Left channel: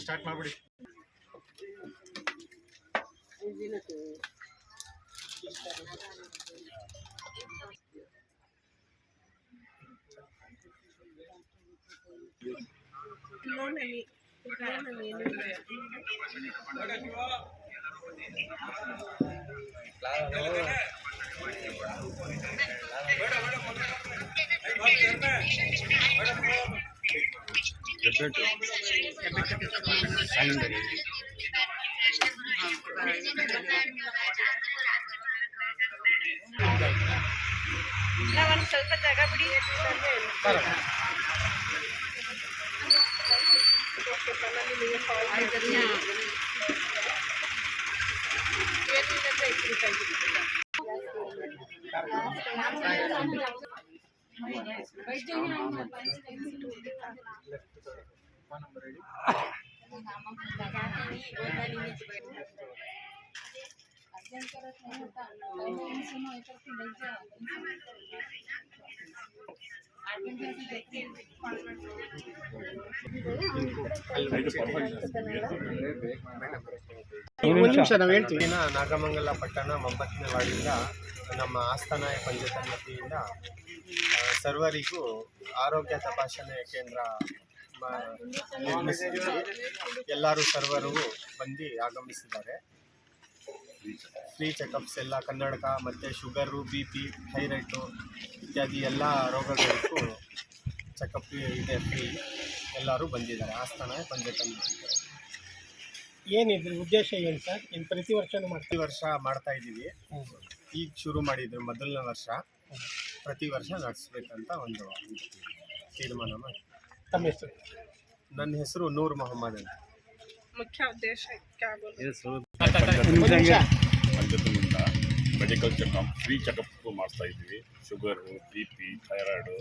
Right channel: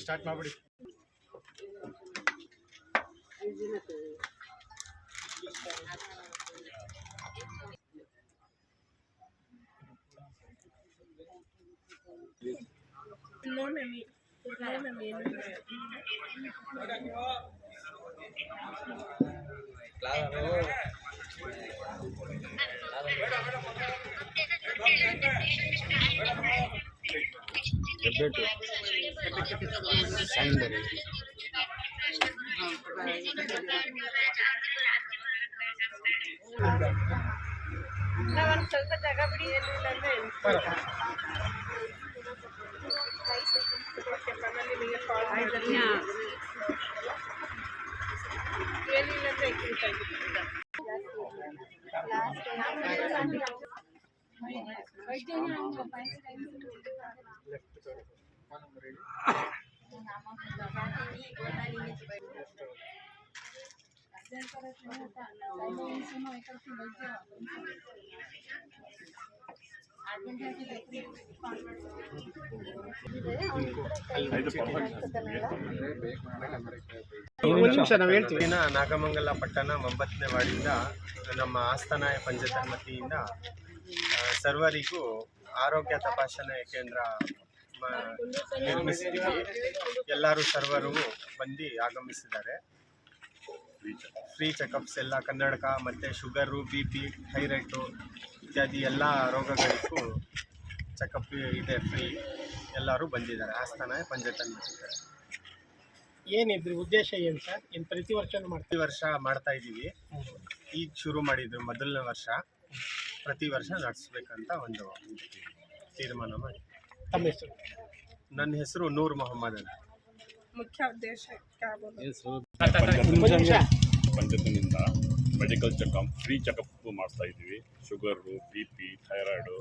Start ಮಾಡ್ಬಿಡಿ. ಸ್ವಲ್ಪ ಜಾಗ ಬಿಡಿ. ನಾಗಮಂಗಲ ಪಟ್ಟಣ 9ನೇ ವಾರ್ಡಿಂದ ನಮ್ಮ ಆಸ್ಥಾನ ಪಂಚಾಯತ್ ವತಿಯಿಂದ ಸರ್ವರಿಗೂ ಆರೋಗ್ಯ ತಪಾಸಣೆ ಕೇಂದ್ರ ನಿರ್ಮಿಸಿದ್ದೀವಿ. ಎಲ್ಲರೂ ಸರ್ವರು ಬಂದು ಆಗಮಿಸಿದ್ದಾರೆ. ಫ್ರೀ ಚೆಕಪ್ಸ್ ಎಲ್ಲ ಕನ್ನಡಕ ಮತ್ತು ಶುಗರು, BP, ಥೈರಾಯ್ಡು ಇತ್ಯಾದಿ ಎಲ್ಲ ರೋಗಗಳಿಗೂ ಚೆಕಪ್ ಇದೆ ಫ್ರೀ. ಎಲ್ಲರೂ ಬಂದಿದ್ದಾರೆ ಆಸ್ಥಾನ ಪಂಚಾಯತ್ ವತಿಯಿಂದ. ಏನಿದ್ರು ಉದ್ದೇಶ ಏನು ಸರ್? ಇನ್ನು ಪ್ರತಿ ವರ್ಷ ಮಾಡ್ತಾ ಇದ್ದೀವಿ. ಈಗ ಶುರು ಮಾಡಿದ್ರು ಮೊದಲನೇ ವರ್ಷ. ಪ್ರತಿ ವರ್ಷ ನಡೆಸಬೇಕಂತ ಒಂದು ತೀರ್ಮಾನ ಮಾಡಿ. ತಮ್ಮ ಹೆಸರು? ನನ್ನ ಹೆಸರು ನೂರ್ ಮೊಹಮ್ಮದ್ ಅಂತ. ಮುಖ್ಯ ಉದ್ದೇಶ ಪಂಚಾಯತ್ನಿಂದ ಮೆಡಿಕಲ್ ಚೆಕಪ್ ಫ್ರೀ ಚೆಕಪ್ ಮಾಡಿಸ್ತಾ ಇದ್ದೀವಿ. ಶುಗರು, BP, ಥೈರಾಯ್ಡು,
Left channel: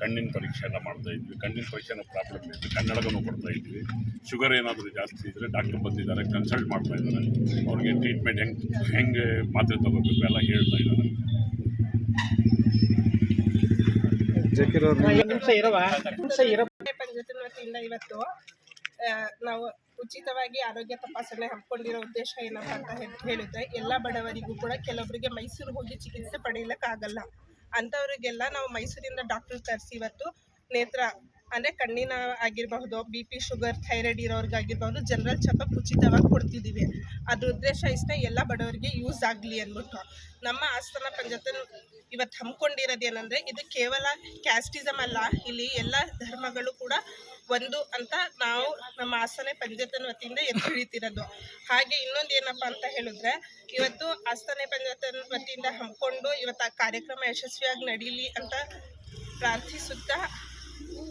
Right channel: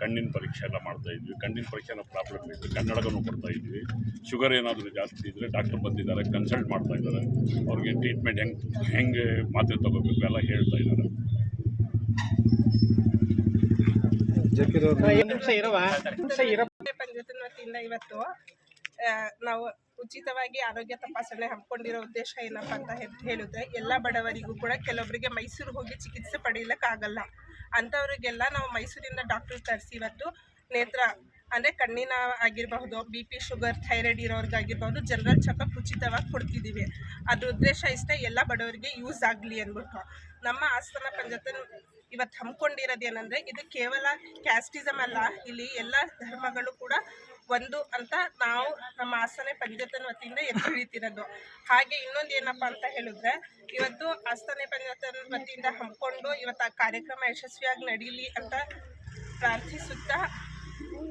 ಕಣ್ಣಿನ ಪರೀಕ್ಷೆ ಎಲ್ಲ ಮಾಡ್ತಾ ಇದ್ವಿ. ಕಣ್ಣಿನ ಪರೀಕ್ಷೆನ ಪ್ರಾಬ್ಲಮ್ ಇದ್ದರೆ ಕನ್ನಡಕನೂ ಕೊಡ್ತಾ ಇದ್ವಿ. ಶುಗರ್ ಏನಾದರೂ ಜಾಸ್ತಿ ಇದ್ದರೆ ಡಾಕ್ಟರ್ ಬಂದಿದ್ದಾರೆ, ಕನ್ಸಲ್ಟ್ ಮಾಡ್ತಾ ಇದ್ದಾರೆ. ಅವ್ರಿಗೆ ಟ್ರೀಟ್ಮೆಂಟ್ ಹೆಂಗೆ ಮಾತ್ರೆ ತಗೋಬೇಕು ಎಲ್ಲ ಹೇಳ್ತಾ ಇದ್ದಾರೆ. ಪಂಚಾಯತ್ ವತಿಯಿಂದ ಇವತ್ತು ನಾವು ಉಚಿತವಾಗಿ ಆರೋಗ್ಯ ತಪಾಸಣೆ ಹಮ್ಮಿಕೊಂಡಿರೋ ಉದ್ದೇಶ ಏನಪ್ಪ ಅಂತ ಹೇಳಿದ್ರೆ, ಎಲ್ಲ ಬಡವರಿಗೂ ಕೂಡ ಕೆಲವೊಬ್ಬರಿಗೆ ಮೈಸೂರು ಹೋಗಿ ಚಿಕಿತ್ಸೆ ಪಡೆಯಲಿಕ್ಕಾಗಲ್ಲ. ಅಂಥವ್ರಿಗೆಲ್ಲ ನಾವು ಮೈಸೂರಿಂದ ಡಾಕ್ಟರ್ ಕರೆಸಿ ಇವತ್ತು ನೇತ್ರ ಅಂದರೆ ಕಣ್ಣಿನ ಆಗಿರಬಹುದು, BP, ಶುಗರ್, ಥೈರಾಯ್ಡ್ ಇರೋರಿಗಾಗಿರ್ಬೋದು ಜನರಲ್ ಚೆಕಪ್ ಉಚಿತವಾಗಿ ಕೊಡ್ತಿದ್ದೀವಿ. ಅದ್ರ ಉದ್ದೇಶ ಇಷ್ಟೇ, ಎಲ್ಲ ಬಡವರಿಗೆ ಯೂಸ್ ಆಗಲಿ ಅಂದ್ಬಿಟ್ಟು. ನಮ್ಮ ಆಸ್ಥಾನ ಪಂಚಾಯತ್ ಇವತ್ತು ಹಮ್ಮಿಕೊಂಡಿರೋದೇನೆಂದರೆ, ಇದು ಕೇವಲ ಕ್ಯಾಸ್ಟಿಸಮ್ ಅಲ್ಲ, ಇಲ್ಲಿ ಎಲ್ಲ ಧರ್ಮಗಳು ಕೂಡ ಒಂದು ಅಂತ ನಾವು ನಮ್ಮ ಆಸ್ಥಾನ ಪಂಚಾಯತ್ ವತಿಯಿಂದ ಎತ್ತು ಹಿಡಿತಿರೋದು. ಹಾಗೆ ಇನ್ನೊಂದು ಏನಪ್ಪ ಅಂತ ಹೇಳಿದ್ರೆ, ಇವತ್ತು ಆಸ್ಥಾನ ಪಂಚಾಯತ್ ವತಿಯಿಂದ ಹಮ್ಮಿಕೊಂಡು ಇವತ್ತು ಆ ಕಾರ್ಯಕ್ರಮ ಯಶಸ್ವಿಯಾಗಿ ನಡೀಲಿ ಅಂತ ಪ್ರಾರ್ಥಿಸುತ್ತಾ,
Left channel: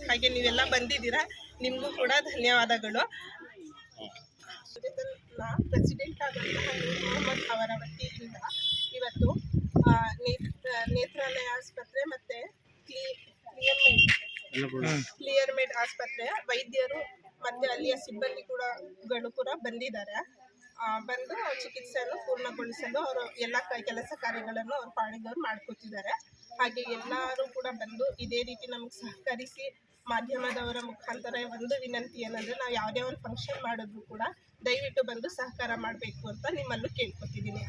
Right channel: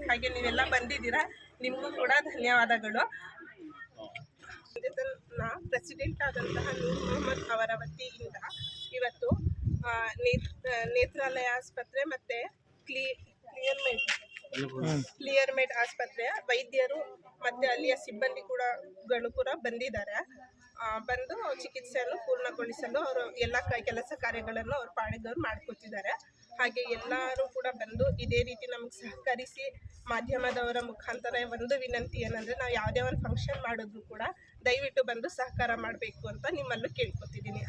ಹಾಗೆ ನೀವೆಲ್ಲ ಬಂದಿದ್ದೀರಾ, ನಿಮಗೂ ಕೂಡ ಧನ್ಯವಾದಗಳು. ಪ್ರೆಸಿಡೆಂಟ್ ಆದಂತಹ ನೂರ್ ಮೊಹಮ್ಮದ್ ಅವರ ವತಿಯಿಂದ ಇವತ್ತು ನೇತ್ರಾಲಯ ಆಸ್ಪತ್ರೆ ಮತ್ತು ಕ್ಲಿಯರ್ಮೇಡ್ ಆಸ್ಪತ್ರೆಯ ವೈದ್ಯರು ಮತ್ತು ಅಲ್ಲಿಯ ಸಿಬ್ಬಂದಿ ಕೂಡ ಬಂದಿದ್ದಾರೆ. ಬಂದು ಚಿಕಿತ್ಸೆಯನ್ನು ಪೂರ್ಣಗೊಳಿಸಲು ಅವರು ಎಲ್ಲ ಕೆಲಸ ಕಾರ್ಯಗಳನ್ನು ಅವ್ರ ಪಾಡಿದವ್ರು ಮಾಡ್ಕೊತಿದ್ದಾರೆ. ಹಾಗೆ ಎಲ್ಲರೂ ಕೂಡ ಬಂದು ಇದೇ ರೀತಿ ನಮಗೆ ಸಹಕರಿಸಿ, ಮಾಧ್ಯಮದವರ ಮುಖಾಂತರ ಒಂದು ವಿನಂತಿ ಏನಂದರೆ, ನಾವು ಯಾವುದೇ ಒಂದು ಫಂಕ್ಷನ್ ಮಾಡಿದ್ರು ಕೂಡ ದಯವಿಟ್ಟು ಬಂದು ಸಹಕಾರ ಮಾಡಬೇಕು ಅಂತ ನಿಮ್ಮಲ್ಲೂ ಕೇಳ್ಕೊತಿದ್ದೀನಿ.